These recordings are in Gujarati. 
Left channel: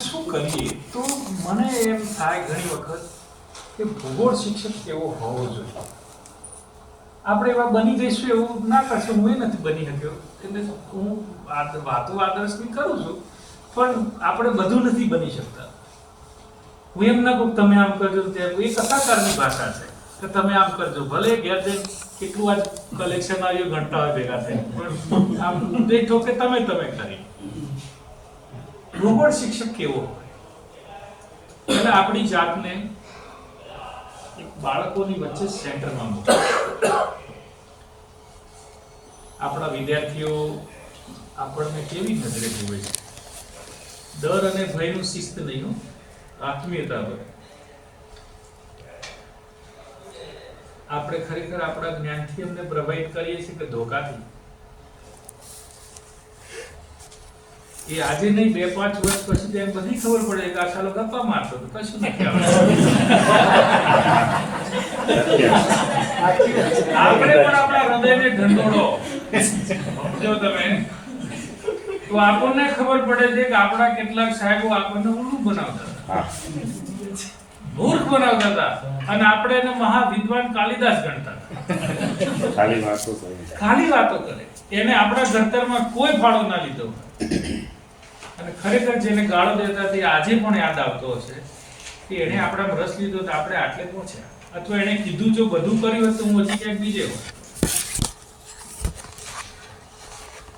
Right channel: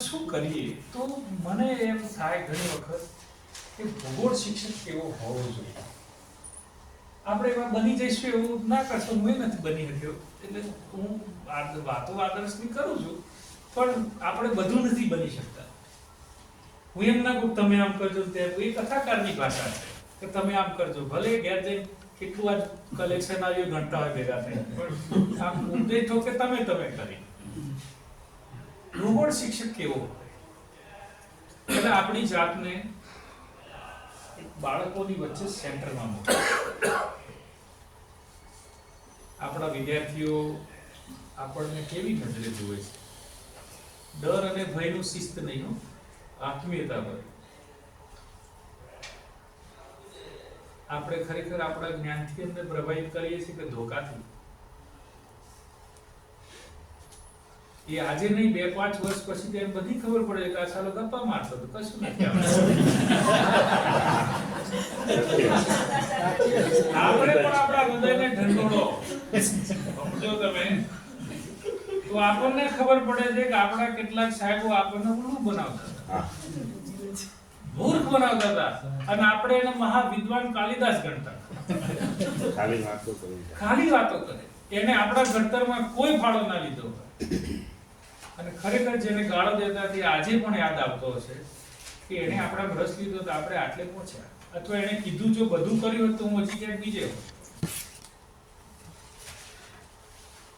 શું કરીએ તો મને એમ થાય ઘણી વખત કે ભૂગોળ શિક્ષક કેવો હોવો જોઈએ. આપણે એવા બની જઈશું એવું ના કરશું. હું નથી બની શક્યો એટલે હું વાતો આદર્શની કરું છું, પણ આપણે બધું નથી બની શકતા. હું એમ ના કહું તમે આમ કરજો, એ કથાકારની ભાષા છે કે તમે આમ કરજો, ભલે ઘેર જઈને કેટલું આજ કલેક્શન આવ્યું ઘંટા હોય ભેગા થઈ, પણ આમ દેખો કે તમે કરી. ભૂગોળ શિક્ષક કેવો હોય એટલે આપણી જાતને એક બાળકોની વચ્ચે સેન્ટરમાં મૂકે. આપણા વિદ્યાર્થીઓ આપણને કેવી નજરે જુએ છે? ડર અને ભયનું શિસ્ત નહીં, આત્મીયતા હોય. આપણે ખરેખર આપણા જ્ઞાનથી એમને પ્રભાવિત કરીએ છીએ કે ધોકાથી? એ આજે નહીં 2-5 વર્ષ પછી તેમ બધી ખબર પડે કે આ સાલો ગપ્પા મારતો હતો, કશું નથી આવડતું. આપણે પણ આપણા હૃદયને ઢંઢોળો સમજો તમે, તો આપણને ખબર પડે છે કે આપણા કેટલાક સાહેબો આપણને ઉલ્લુ બનાવતા હતા, મૂર્ખ બનાવતા હતા, અને આપણે એને મહાવિદ્વાન કાલિદાસ ગણતા હતા. ખાલી વાતો કરે, એને આપણા ઘડતરમાં કોઈ ફાળો ના લીધો. અને ખરેખર જેને ગાળો દેતા તે આજે પણ યાદ આવતો હશે કે એને આપણામાં રસ લીધો તો આપણે આટલે પહોંચ્યા, અથવા એને કીધું જો બધું કર્યું હોત તો હું હજી ક્યાંક બીજે હોત.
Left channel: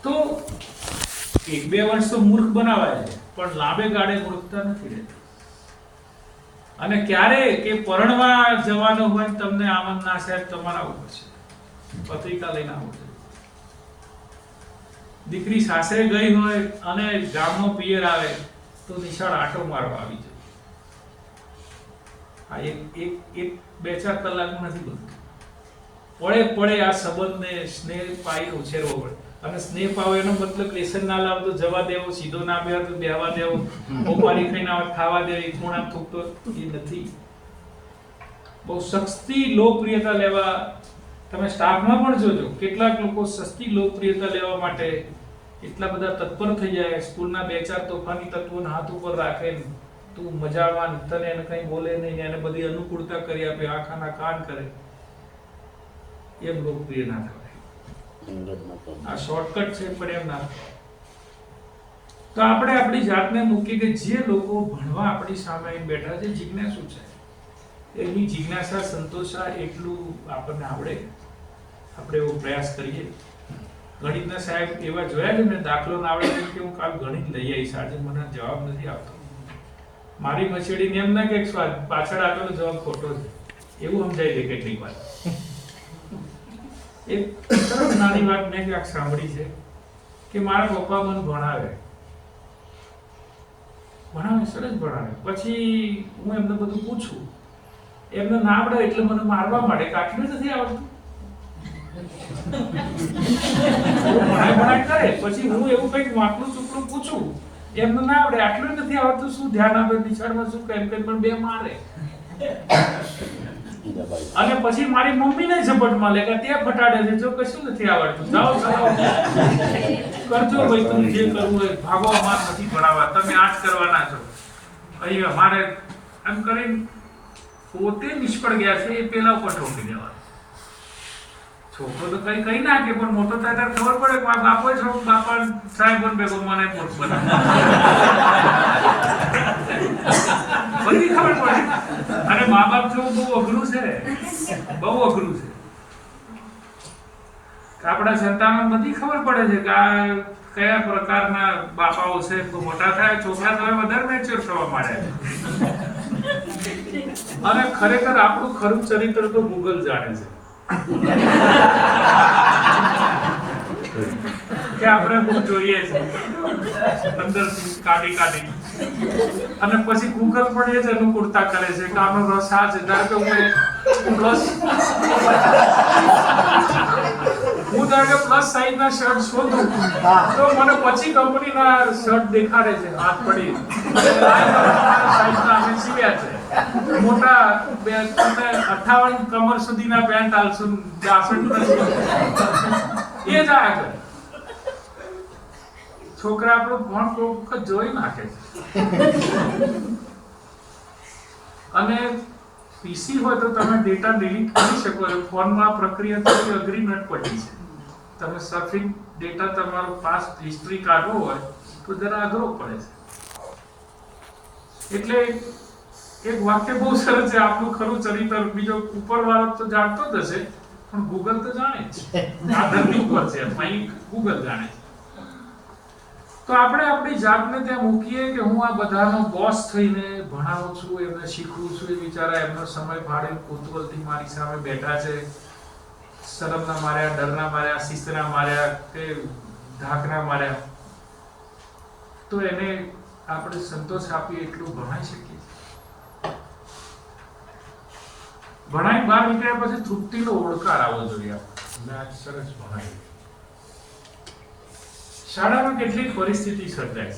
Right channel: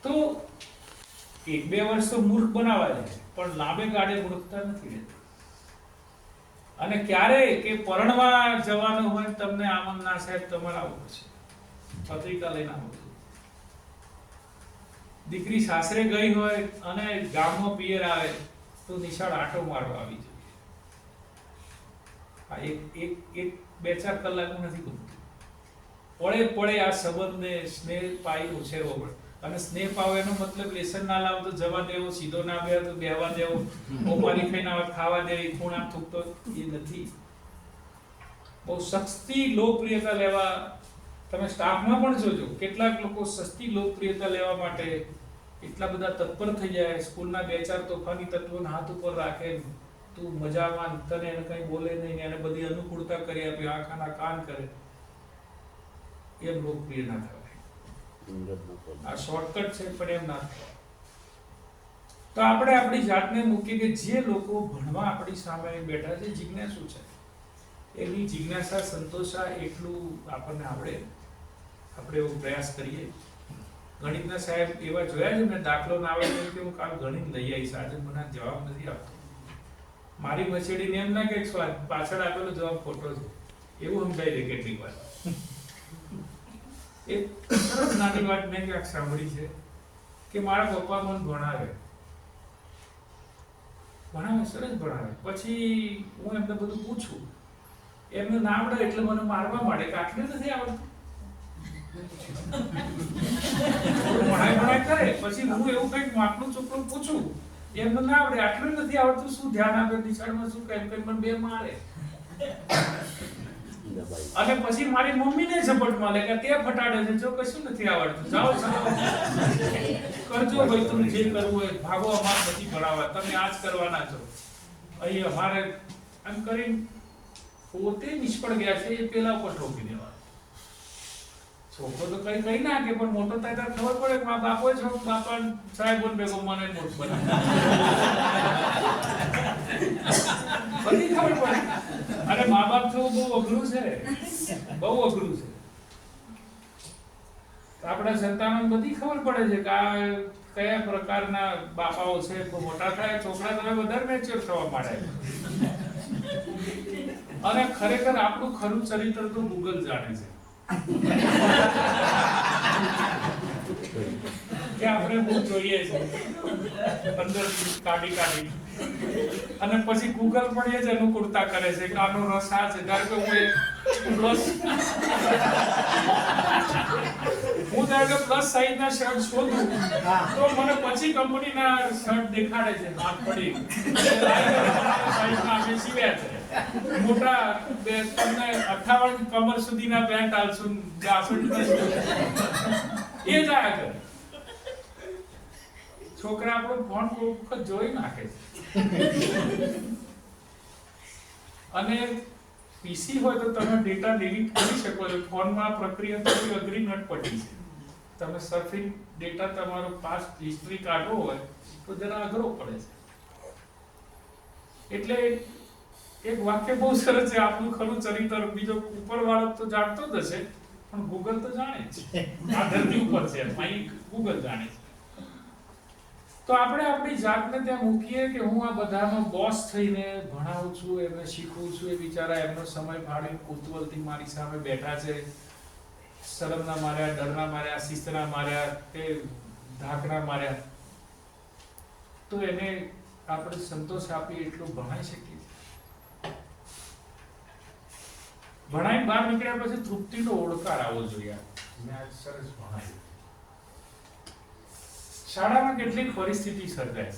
તો 1-2 વર્ષ તો મૂર્ખ બનાવાય છે, પણ લાંબે ગાળે મૂર્ખતા નથી રહેતી. અને ક્યારે કે પરણવા જવાનું હોય તમને આમંત્રણ ના સાહેબ તમારા ઉપર છે, પત્રિકા લઈને આવો છો. દીકરી સાસરે ગઈ હોય અને ગામનો પિયર આવે તો નિશાળ આટો મારવા આવી જાય. આ એક 2-4 કલાકમાં નથી બનતું. પડે આ સંબંધને સ્નેહ પાઈ ઉછેરવો પડે. અને સ્નેહ પાવો એનો મતલબ લેસન ના લાવ તો જવા દેવો, સીધો ના બેહો તો બેહવા દેવો, મોપારી ખાઈને આવે ખાવા દેવી, ખૂણા થૂકતો એ નથી. બહુ સસ્તી લોકપ્રિયતા લેવા તમે સ્ટાફમાં પણ જોજો, કેટલાક લોકો સસ્તી લોકપ્રિયતા લેવા માટે એટલા બધા તત્પર થઈ જાય. સ્કૂલના 2-4 તોફાની તત્વોને હાથ ઉપર રાખે, તું મજામાં, તને એને કંઈ બોલે નહીં, એને બધી અનુકૂળતા કરી આપે, આંખાના કાન કરે. એમ લોકપ્રિય ના થવાય. આ શોર્ટકટ છે, પણ એમ ના થવાય. તો આપણે આપણી જાતને મૂકીએ કે જે લોકો ભણવા આપણી સામે બેઠા છે, જિજ્ઞાસુ છે, એની જિજ્ઞાસા સંતોષા એટલું આપણને આવડે, આપણે એવો પ્રયાસ કરીએ. ગણિતના સાહેબ એવા જોયા છે ને, દાખલો ના આવડે કે હું કાલ ગણિત લઈ આવીશ, આજે મને જવાબ નથી આવતો. મારી મછેડીને એમ ના કે પાછળ આપેલો જવાબ ખોટો છે, એવું સમજાય છે કેટલીક વાર. એક સરસ નાની વાત મેં ક્યાંક સાંભળી છે કે મારા પપ્પા મને ભણાવે, સરસ ભણાવે. પછી હું એમને બધું પૂછું, એમને ના આવડે એટલે મને મારવા માંડે કે આટલું નથી આવડતું. ભણાય કરે, પછી હું એવું કંઈક વાંકડું ચૂકડું પૂછું, એમને ના આવડે, આટલું નથી આવડતું, શું ધ્યાન આપે નિશાળમાં, શું કેમ પણ 2 મારે. અને પછી મારી મમ્મીને ઝપટમાં લે કે તે ફટાડે છે, જો કશું નથી આવડતું, જાઓ કરજો ભાઈ, તમે જે કરવું હોય, ભાગો, અમાર નથી ભણાવવા, તમે આ જ કરવાના છો. અહીં અમારે એમ કરીને પોતે નિષ્ફળ ગયા છે, એ પેલા ઉપર ઠોકી દેવા. છોકરો તો કઈ કઈ નાખે, પણ મોટો થાય ત્યારે ખબર પડે કે મારા બાપા સાહેબ ભેગો મને મૂર્ખ બનાવે. બધી ખબર પડે. અને મા બાપ જેવું બહુ અઘરું છે, બહુ અઘરું છે. આપણા સંતાનો બધી ખબર પડે છે કે આ કયા પ્રકારના બાપાઓ છે. મોટા થાય છોકરા તો વધારે મેચ્યોર થવા માંડે. અને ખરેખર આપણું ખરું ચરિત્ર તો ગૂગલ જાણે છે કે આપણે બહુ જોઈએ છે અંદરથી કાઢી. અને પછી ગૂગલ પણ એ જ અનુકૂળતા કરે છે કે આનો રસ આ છે. ધારો કે હું પ્લસ સાઈઝ ના શર્ટ શોધું તો મને પછી કંપનીના શર્ટ દેખાડે છે, હાથ પડી સાઈઝ ના અમે સીવ્યા છે. મોટા 58 કમર સુધીના પેન્ટ આલશું, 62 એ જ આગળ. છોકરા આપણો ફોન કોઈ વખત જોઈ નાખે છે અને પીસી હોય તો તમે ડેટા ડિલીટ કરી શકો છો. ફોનમાં પ્રક્રિયા થોડી અઘરી નટપટી છે. તમે સર્ફિંગ ડેટા તમારો પાસ્ટ હિસ્ટ્રી કાઢવો હોય તો જરા અઘરો પડે છે. એટલે એક વાક્ય બહુ સરસ છે, આપણું ખરું ચરિત્ર બીજો ઉપરવાળો તો જાણતો જ હશે પણ ગૂગલ તો જાણે જ છે. આ ધરતી ઉપર છે અહીં ગૂગલ જાણે છે. તો આપણે આપણી જાતને ત્યાં મૂકીએ કે હું આ બધાનો બોસ થઈને ભણાવું છું, એમને શીખવું છું, એ બિચારા એમનો સમય ફાળીને કુતૂહલથી મારી સામે બેઠા છે, શરમના માર્યા, ડરના માર્યા, શિસ્તના માર્યા કે ધાકના માર્યા, તો એને આપણે સંતોષ આપી એટલું ભણાઈ શકીએ. ભણાઈ બહાર નીકળ્યા પછી તૃપ્તિનો ઓળકાર આવવો જોઈએ. સરસ ભણાય. શાળામાં કેટલીક પરિસ્થિતિ સર્જાય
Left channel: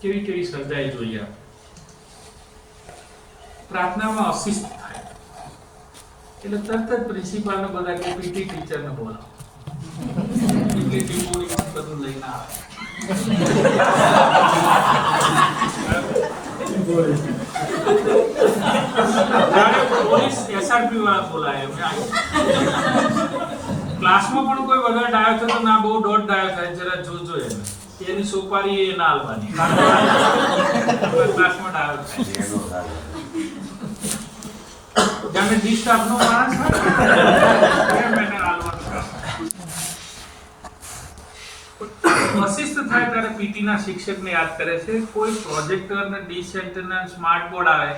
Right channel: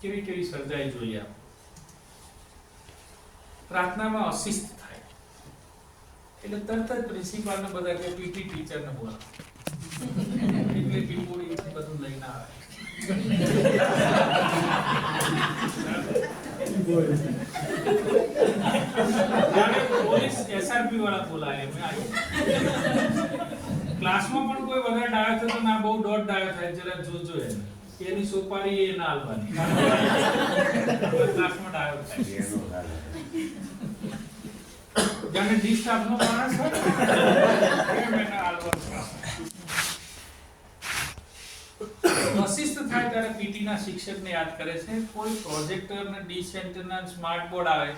છે, કેવી સર્જાય જોઈએ. પ્રાર્થનામાં અશિસ્ત થાય એટલે તરત જ પ્રિન્સિપાલને બધા કે પીટી ટીચરને બોલાવો, એટલે ટીપોડી બધું લઈને આવે. પોલીસ એસઆરપી વાળા બોલાય. ક્લાસમાં પણ કોઈ વગર ડાયો થયો તો ના બહુ દોઢ ડાયો થાય, જરા જોજો એને, એની સોપારી એ ના આલવાની, ક્લાસમાં ડાયો થાય. જાણે ડિસ્ટર્બ નો માણસ હોય એને આલવાનું. અશિસ્ત થાય ત્યારે પીટી ના શિક્ષકને યાદ કરે છે. કોઈ પ્રોજેક્ટર ને ડીસેન્ટ ના સ્માર્ટ બોર્ડ આવે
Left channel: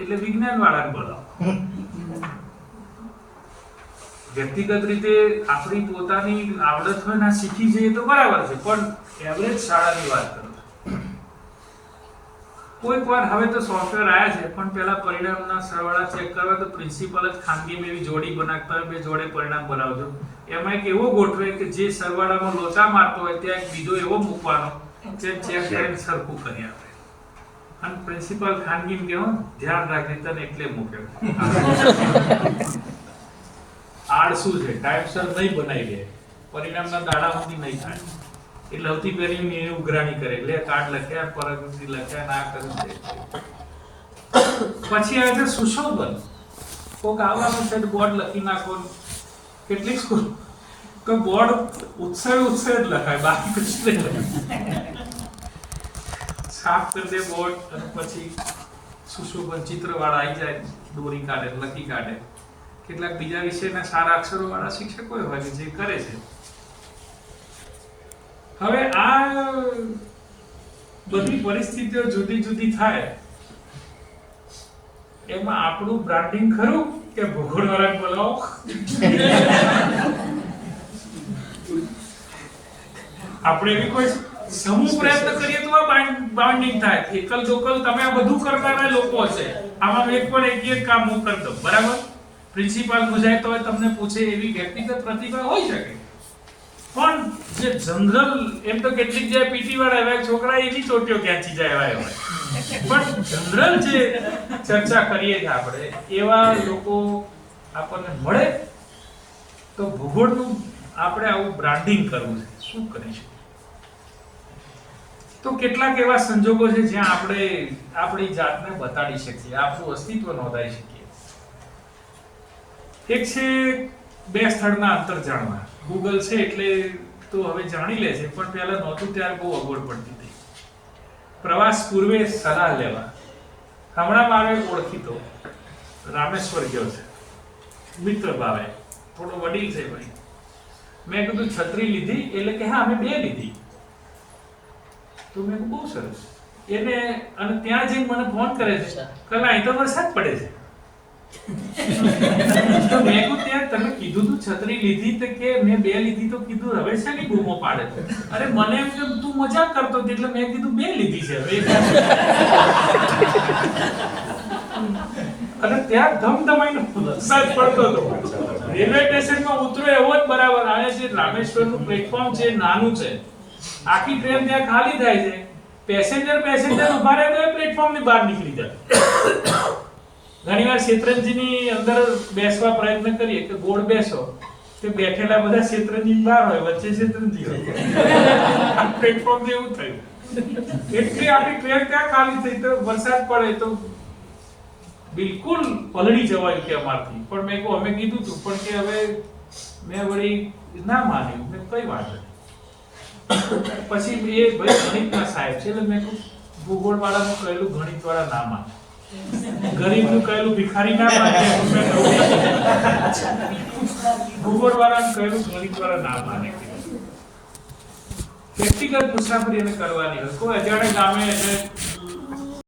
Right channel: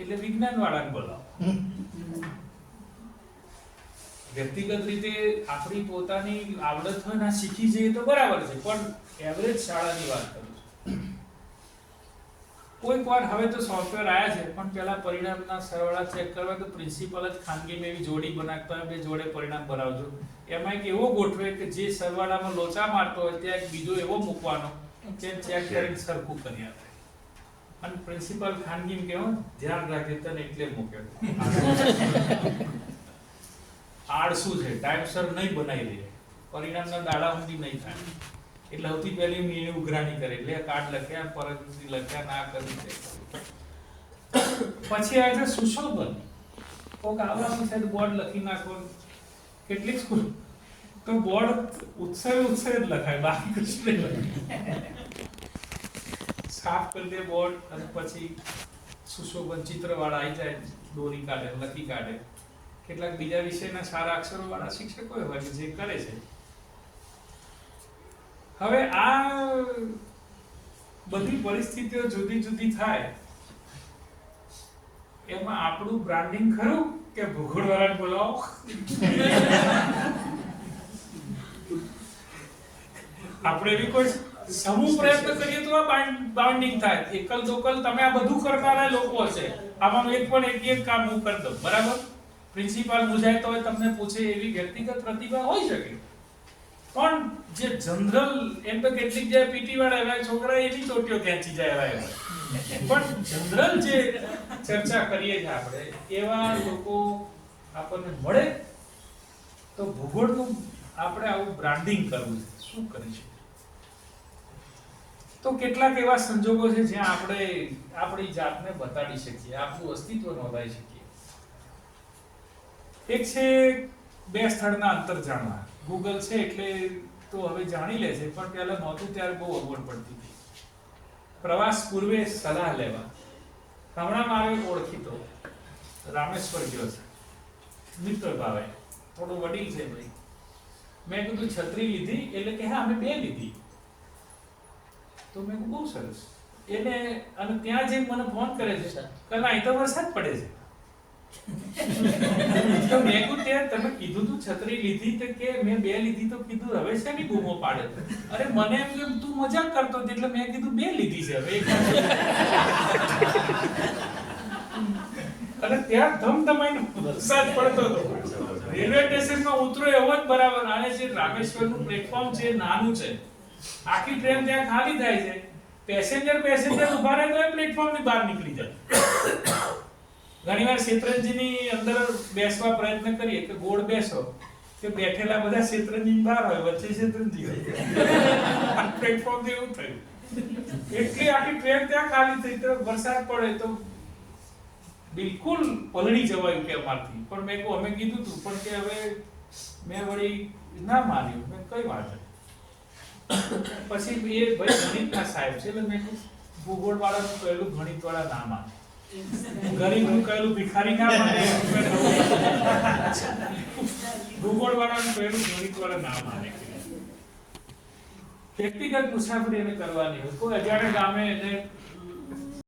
એટલે વિજ્ઞાન વાળાને બોલાવો. વ્યક્તિગત રીતે આપણી પોતાની આવડત હોય ને શીખી જઈએ તો બરાબર છે, પણ એવરેજ શાળાની વાત કરું. કોઈક વાર હવે તો સોફ્ટવેર આવ્યા છે, પણ પહેલા પરિણામના સરવાળા ચેક કરવા તો પ્રિન્સિપલ જ ખાનગીમાં એવી જોડી બનાવતા હોય, બે જોડે પરિણામ બનાવજો. એમાં એક એવો ગોઠવે કે જે સરવાળામાં લોચા મારતો હોય ત્યાં એક બીજો એવો મૂકવાનો જે ચેક કરીને સરખું કરી આપે. અને પ્રિન્સિપલ ખાનગીમાં કેવો ધ્યાન રાખે તને એટલે મૂક્યો. આળસુ છે, ટાઈમસર નહીં બનાવી લે, પરિણામના દાડા સુધી નહીં થાય એટલે સૌથી પહેલી એ ઉઘરાણી કરે, એટલે કાર્ડ લખ્યા, પરગતિ લખ્યા, ના કર્યું છે. પછી આવે છે સુશોભન. કોક આવવાનું છે બોર્ડ લખી નાખો. કેટલીક સ્કૂલ તો બોર્ડ ઉત્સવ જ લખાય, બાકી કશું નહીં લખાય. સાફ કરી દે બોર્ડ અને પછી સુશોભન ચિત્ર વાળા આવી જાય, દોરી કાઢે, લખી કાઢે. કેટલાક બીજા વિષયના સારા અક્ષરો વાળા શિક્ષકો હોય કે જે કરે છે. હવે આ બધી પરિસ્થિતિઓ જુદી જુદી થાય એમાં આપણું બ્રાન્ડિંગ ખરું કે ભૂગોળ વાળાને બોલાવો? આપણે એવી કોઈ સમૂહ પ્રયત્ન કરીએ તો આ બાઉન્ડિંગ થાય. એકલ દોકલ તમે આ બધું કરનારા લોકો છે, આમાં એક પણ એક કામ હું કરી દઉં, બરાબર? પ્રિન્સિપાલ મુજાય તો તમને પૂછે એવી વ્યક્તિગત પ્રતિભા હોઈ શકે, પણ જે જનરલ એમ તો કેટલીક જે પીટી વાળા એવા છોકરા એની ચોટીઓ ખેંચી જાય એવા હોય, પણ જનરલ જે ચર્ચા કરીએ કે આપણે એવા લોકો આપણને મળે તો ભૂગોળનું આપણે આવું બ્રાન્ડિંગ કરવું છે. શું કરી શકીએ? તો કેટલાક એવા સંજોગો છે જ્યાં આપણે આપણી જાતને બતાડી શકીએ, આપણું અસ્તિત્વ નોંધાઈ શકીએ. એક છે બે સ્થળના અંતર જાણવા. ગૂગલ છે એટલે તો હવે જાણી લે છે, પણ પહેલા નહોતું ત્યારે બહુ અગવડ પડતી હતી. પ્રવાસ પૂર્વે સલાહ લેવા. હમણાં મારો એક ઓળખીતો રામેશ્વર ગયો છે, મિત્ર ભાવે, થોડો વડીલ છે ભાઈ. મેં કીધું છત્રી લીધી? એટલે કે હા અમે બે લીધી. તો મેં કીધું બહુ સરસ. એને અને ત્યાં જઈને મને ફોન કરે છે કે અહીં તો વરસાદ પડે છે. મેં ત્યાં તમે કીધું તું છત્રી લીધી તો કે મેં બે લીધી, તો કીધું હવે છે ને બૂમો પાડે. અરે મને એમ કે તું મજાક કરતો હતી એટલે મેં કીધું બે લીધી છે હવે. અને ત્યાં ધમધમાઈને વરસાદ પડતો હતો. રેલવે સ્ટેશનમાં ઉતરો એવો જ બરાબર. આને જે રામેશ્વરનું પ્લેટફોર્મ છે નાનું છે, આખી ટ્રેન ત્યાં ખાલી થાય છે, પેસેન્જર ઉભા રહે તો પ્લેટફોર્મની બહાર નીકળી જાય. ઘણીવાર શેત્રંજીની અંદર બેસવા પ્રયત્ન કરીએ કે ગોળ બેસો કે બેઠેલા બધા ક્ષેત્રની બહાર હોય, વચ્ચે ક્ષેત્રની હોય. પ્લેટફોર્મ એવું થયું. એટલી આખી ટ્રેન ત્યાં ખાલી થઈ, તો વરસાદ પડે તો બિલકુલ પલળી જવાય કે અમારથી. પણ મેં કહું અમે કીધું તું, પણ કે હવે મેં વળી ના માન્યું. મેં કઈ વાત નહીં. પછી એ ભાઈ ગણિતના સાહેબ છે, એટલે મેં કહું ભૂગોળ વાળાનું કહેલું ગણિત વાળા ના માને, ગણિતનું કહેલું ભિખારી ના માને, ભૂગોળ વાળાનું કહેલું ગણિત વાળા ના માને. વ્યક્તિગત મુસાફરી એને કરવાની હોય. કોઈ અજાણે ગામે એટલે